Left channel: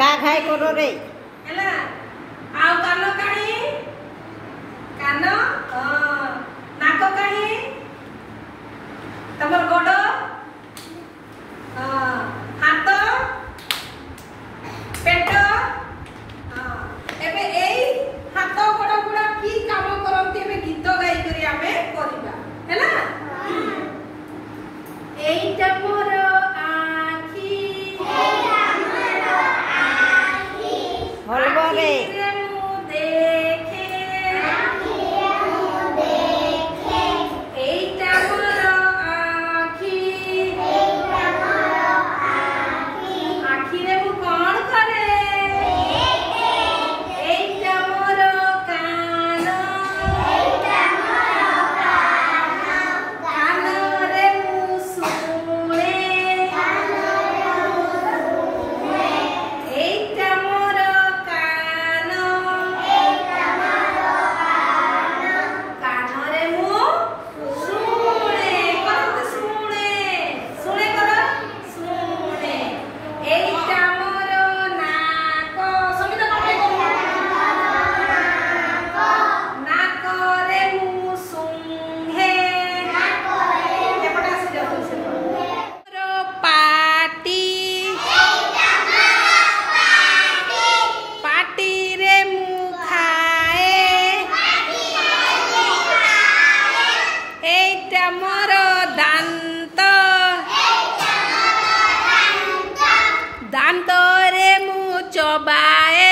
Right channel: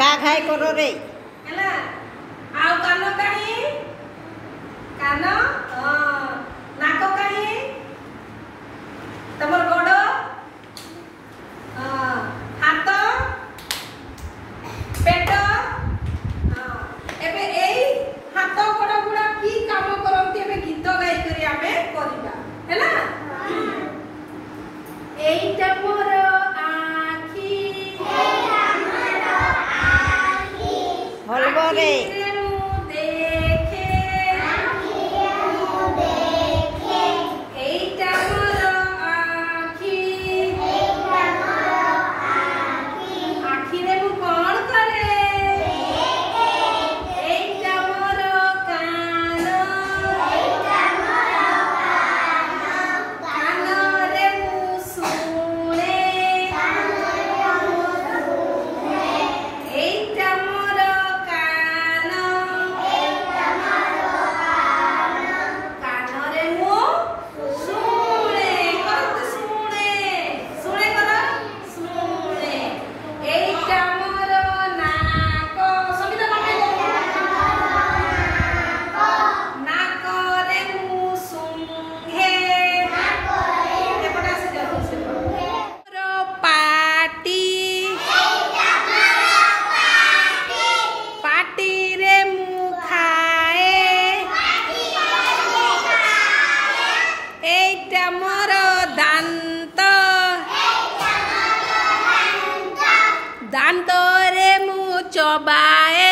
का खाए करो रे हैला आउ कान काहे कान नाक काहे तमर गोड़ हाथ पेट एबे एई हाथ गोड़ गुड़ा की काम करंती एबे गीत गाई करी आमे करबा हैला एईटा मोर आखी हलबो रे दांत रे मु चबाए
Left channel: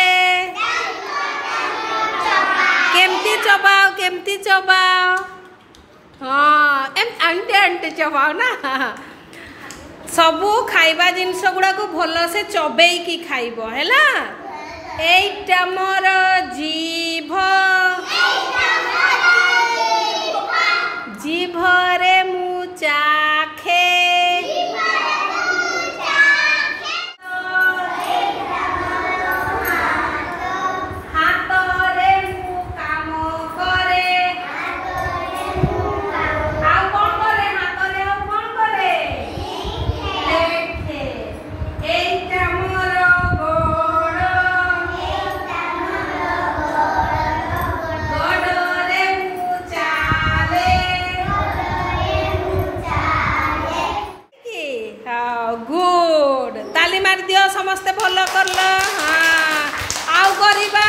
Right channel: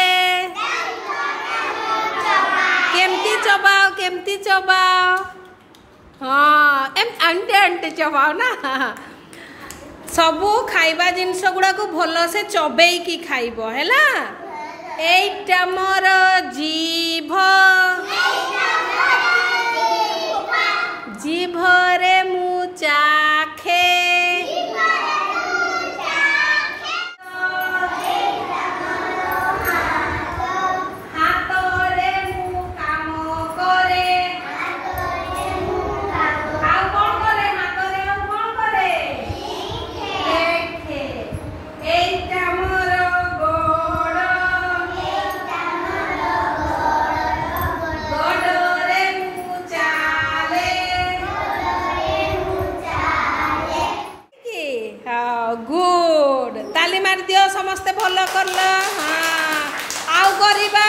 केमती चबाओ हाँ आंटे आंटे चबाओ ना सबू खाइबा जिनस गुड़ा को भल से चबे की खाइब हैला एइटा मोर जीभ जीभ रे मु चाखे गुड ताली मार दियो समस्ते भल करल हाँ आउ करिबा